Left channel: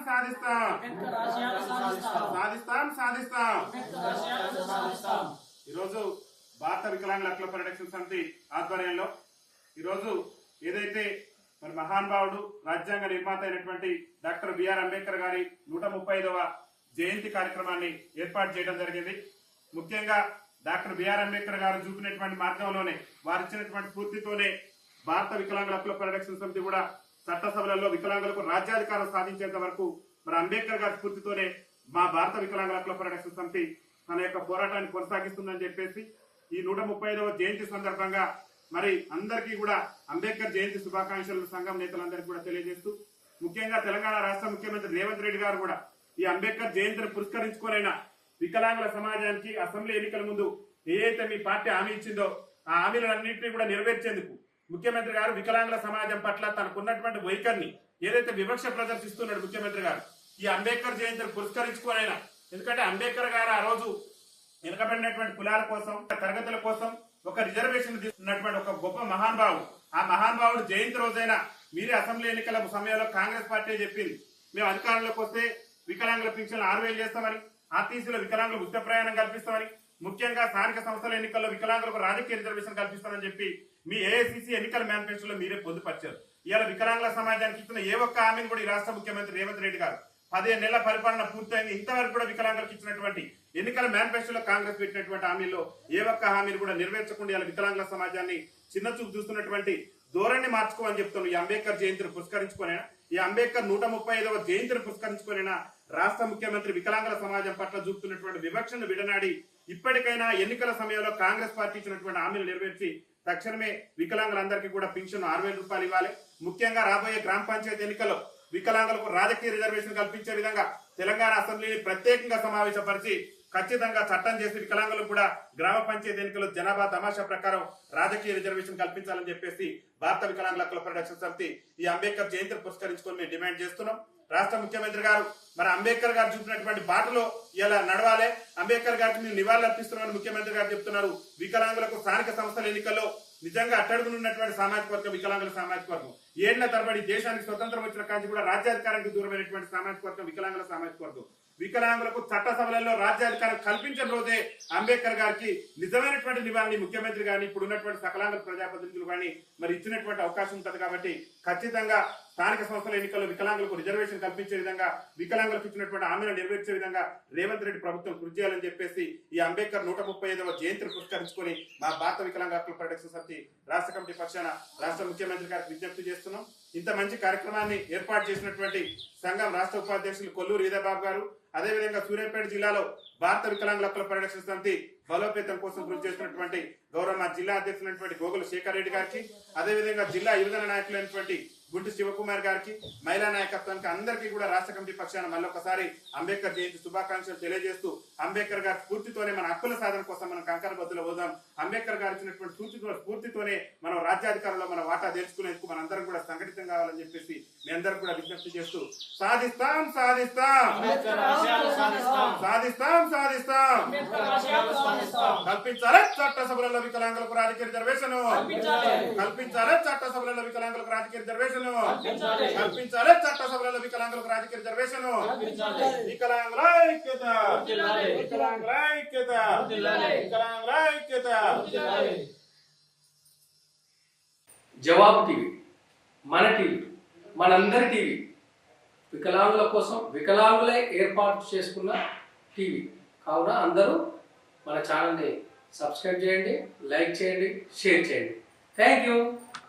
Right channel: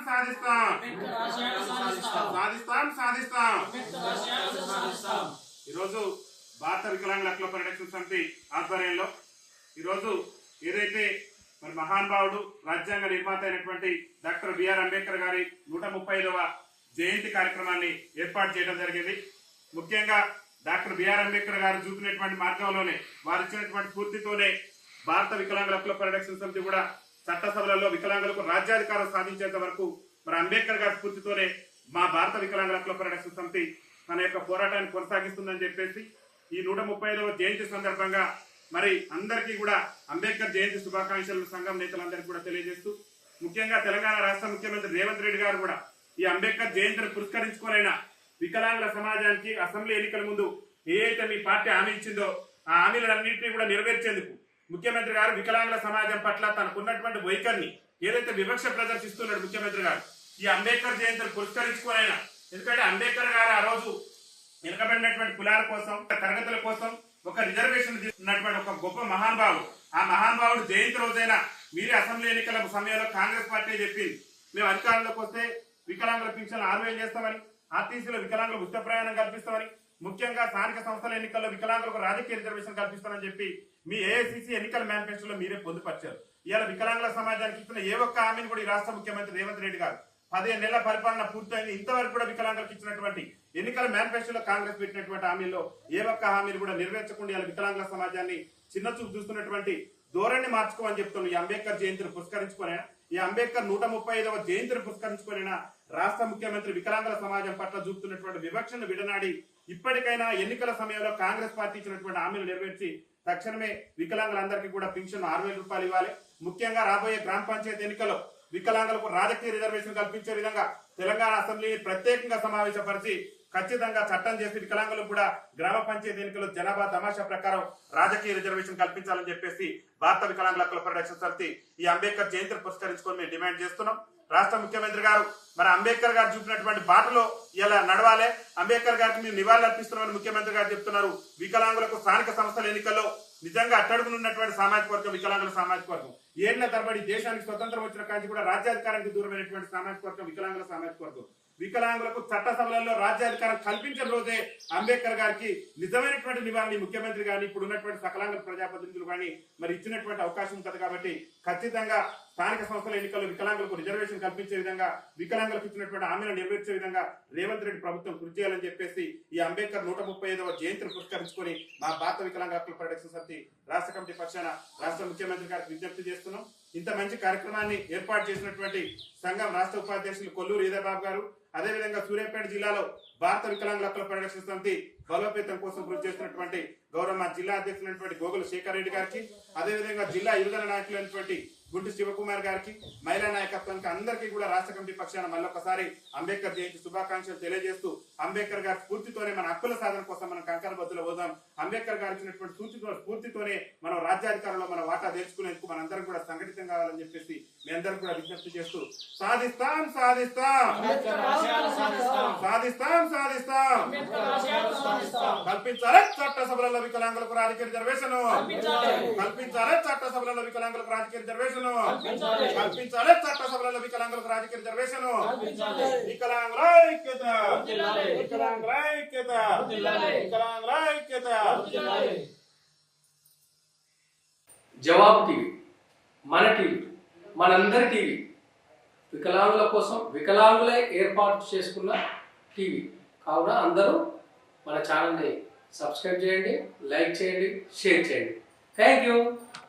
సాధిస్తాం సాధిస్తాం. సాధిస్తాం. సాధిస్తాం ఈరోజు భారత వికలాంగుల హక్కుల పరిరక్షణ సమితి ఆధ్వర్యంలో ఈరోజు ఏదైతే మరి మహానుభావుడు రాజ్యాంగ నిర్మాత అయినటువంటి డాక్టర్ బిఆర్ అంబేద్కర్ గారి నూట ముప్పై ఐదవ జయంతి కార్యక్రమాన్ని ఏర్పాటు చేయడం జరిగింది. ముఖ్యంగా డాక్టర్ బిఆర్ అంబేద్కర్ గారు చూపినటువంటి మార్గంలోనే వారు ఇచ్చినటువంటి స్ఫూర్తితోనే భారత వికలాంగుల హక్కుల పరిరక్షణ సమితి కూడా చట్టసభలలో వికలాంగులకు రాజ్యాధికారం సాధించేంత వరకు మరి అంబేద్కర్ గారి స్ఫూర్తితోనే మా భారత వికలాంగుల హక్కుల పరిరక్షణ సమితి తన యొక్క పోరాటాన్ని కొనసాగిస్తుందని చెప్పేసి ఈ నూట ముప్పై జయంతి సందర్భంగా మరి అందరికీ కూడా అంబేద్కర్ జయంతి శుభాకాంక్షలు సంఘం నేతలందరికీ కూడా తెలియజేస్తూ ముఖ్యంగా తెలంగాణ రాష్ట్ర ముఖ్యమంత్రి రేవంత్ రెడ్డి గారు కూడా ఈ అంబేద్కర్ జయంతిని పురస్కరించుకోలేన వికలాంగుల సమాజానికి అసెంబ్లీ ఎన్నికల ముందు ఏ అయితే మీ పార్టీ హామీ ఇచ్చిందో ఆ హామీలన్నింటినీ కూడా నెరవేర్చేందుకు ముఖ్యమంత్రి గారు వికలాంగుల సమాజం పట్ల తనకున్నటువంటి వైఖరిని ఏదైతే వివక్ష ప్రదర్శిస్తున్నాడు ముఖ్యమంత్రి గారు ఈ అంబేద్కర్ జయంతిని పురస్కరించుకోనైనా ఎందుకంటే అంబేద్కర్ గారు ఆ రోజు వెనుకబడినటువంటి కులాల కోసం తరగతుల కోసం ఒక రిజర్వేషన్ తీసుకున్నటువంటి ఒక గొప్ప మహానుభావుడు ఆ మహానుభావుడు జయంతి రోజైనా మీరే అసెంబ్లీ ఎన్నికల సమయంలో కాంగ్రెస్ పార్టీ చెప్పింది. మేము అధికారంలోకి వస్తే వికలాంగుల పింఛన్ ఆరు వేలు చేస్తామని ఆర్టీసీలో వికలాంగులకు ఉచిత ప్రయాణం కల్పిస్తామని ముఖ్యంగా స్థానిక సంస్థల ఎన్నికల్లో వికలాంగులకు రాజకీయ రిజర్వేషన్ కల్పిస్తానని చెప్పి మీ ఏఐసిసి ఎన్నికల మేనిఫెస్టోలో మీరే పొందుపరిచారు. ఇవాళ వికలాంగుల సమాజానికి ఇచ్చిన ఏ ఒక్క హామీని కూడా ఈ రాష్ట్ర ముఖ్యమంత్రి రేవంత్ రెడ్డి గారు పదిహేను నెలల పరిపాలన పూర్తయింది. ఇంతవరకు కూడా వికలాంగులకు ఇచ్చినటువంటి ఎన్నికల మేనిఫెస్టోలో కాంగ్రెస్ పెట్టినటువంటి హామీల్లో ఏ ఒక్క హామీని కూడా నెరవేర్చకుండా ఇలా వికలాంగుల సమాజాన్ని చిన్న చూపు చూస్తున్నటువంటి ధోరణి మార్చుకోమని చెప్తున్నాను. ఈ అంబేద్కర్ జయంతిని పురస్కరించుకునే ఈ అంబేద్కర్ నూట ముప్పై ఐదవ జయంతిని పురస్కరించుకునే రాష్ట్ర ముఖ్యమంత్రి వికలాంగుల సమాజం పట్ల చూపుతున్నటువంటి వివక్షను విడనాడి ఇప్పటికైనా ఎన్నికల సమయంలో కాంగ్రెస్ పార్టీ ఇచ్చినటువంటి హామీలు నెరవేర్చి తక్షణమే వికలాంగులందరికీ కూడా పింఛన్ ఆరు వేల రూపాయలు ఇవ్వాలి. ముఖ్యంగా రాబోయే గ్రామ పంచాయతీ ఎన్నికల్లో వికలాంగులకు రాజకీయ రిజర్వేషన్ కల్పించే విధంగా తెలంగాణ అసెంబ్లీని ప్రత్యేకంగా సమావేశపరిచి ఖచ్చితంగా చట్టం చేసి వికలాంగులకు కూడా గ్రామ పంచాయతీ ఎన్నికల్లో జనాభా తమాషా ప్రకారం రాజకీయ రిజర్వేషన్ కల్పించాలని చెప్పేసి భారత వికలాంగుల హక్కుల పరిరక్షణ సమితి ఈ అంబేద్కర్ జయంతిని పురస్కరించుకొని మేము డిమాండ్ చేస్తున్నాం. రాష్ట్ర ముఖ్యమంత్రి గారు మరి అంబేద్కర్ గారు చూపినటువంటి బాటలో ఇలా నడవాలి. అంబేద్కర్ గారికి మేము నివాళులు అర్పిస్తున్నామని ముఖ్యమంత్రి గారు చెప్తున్నారు. వికలాంగులకు స్థానిక సంస్థల ఎన్నికల్లో నిజంగా అట్టడుగునున్నటువంటి సామాజిక వర్గం వికలాంగుల సామాజిక వర్గం. ఏళ్ళ తరబడి దేశానికి స్వతంత్రం వచ్చిన కాంచి కూడా రాజ్యాధికారానికి దూరమైనటువంటి సామాజిక వర్గం వికలాంగుల సామాజిక వర్గం వికలాంగులకు చట్టసభలలో రాజ్యాధికారం కల్పించిన రోజే అంబేద్కర్ గారికి నిజమైనటువంటి నివారణ ముఖ్యమంత్రి గాని ఇప్పుడు ఉన్నటువంటి సకలాంగ ప్రజాప్రతినిధులు కానీ మరి ఇచ్చినటువంటి అవకాశం ఉంటుంది కాబట్టి ఖచ్చితంగా స్థానిక సంస్థల ఎన్నికల్లో వికలాంగులకు రిజర్వేషన్ కల్పించే విధంగా వికలాంగులకు ఇచ్చినటువంటి హామీలను నెరవేర్చే విధంగా రేవంత్ రెడ్డి ప్రభుత్వం కృషి చేయాలని చెప్పేసి ఈ అంబేద్కర్ నూట ముప్పై ఐదవ జయంతిని పురస్కరించుకొని మా భారత వికలాంగ హక్కుల పరిరక్షణ సమితి రాష్ట్ర కమిటీ పక్షాన రాష్ట్ర ముఖ్యమంత్రి గారికి విజ్ఞప్తి చేస్తున్నాం. ఇంత మంచి కార్యక్రమాన్ని ఏర్పాటు చేసినటువంటి సంఘం రాష్ట్ర ఉపాధ్యక్షులు కొల్లూరు ఈదాబాబు గారు అదేవిధంగా సూర్యాపేట జిల్లాలో భారత వికలాంగుల హక్కుల పరిరక్షణ సమితి బలోపేతం కోసం కృషి చేసినటువంటి గౌరవ జిల్లా అధ్యక్షులైనటువంటి గోగుల శేఖర్ రెడ్డి గారికి అదేవిధంగా జిల్లా యువజన నాయకులైనటువంటి గుంటి శివకుమార్ గారికి మహిళా నాయకత్వానికి అందరికీ కూడా రాష్ట్ర కమిటీ పక్షాన మళ్ళొకసారి అంబేద్కర్ జయంతి శుభాకాంక్షలు తెలియజేస్తూ అంబేద్కర్ గారి స్ఫూర్తితోనే మన హక్కుల సాధన కోసం మనం కంకర బద్దులో పోదాం. అంబేద్కర్ గారు ఇచ్చినటువంటి స్ఫూర్తితో స్ఫూర్తితోనే మనం రాజ్యాధికారంలో మన వాటా తెచ్చుకునేందుకు మనందరం కూడా సంఘటితం కావాలని చెప్పేసి మీ అందరం కూడా విజ్ఞప్తి చేస్తూ సాధిస్తాం సాధిస్తాం. సాధిస్తాం. సాధిస్తాం కల్పించాలి చట్టసభలలో వికలాంగులకు రాజకీయ రిజర్వేషన్. కల్పించాలి. చట్టసభలలో వికలాంగులకు రాజకీయ రిజర్వేషన్. కల్పించాలి. చట్టసభలలో వికలాంగులకు రాజకీయ రిజర్వేషన్. వికలాంగుల ఐక్యత. వికలాంగుల ఐక్యత. వికలాంగుల ఐక్యత. జవాబు టీవీ మన టీవీ మనందరి టీవీ. వికలాంగుల కోసం వికలాంగులే ఏర్పాటు చేసుకున్న టీవీ. కావున అందరూ మన ఛానల్ని సబ్స్క్రైబ్ చేయండి లైక్ చేయండి షేర్ చేయండి. Thank you.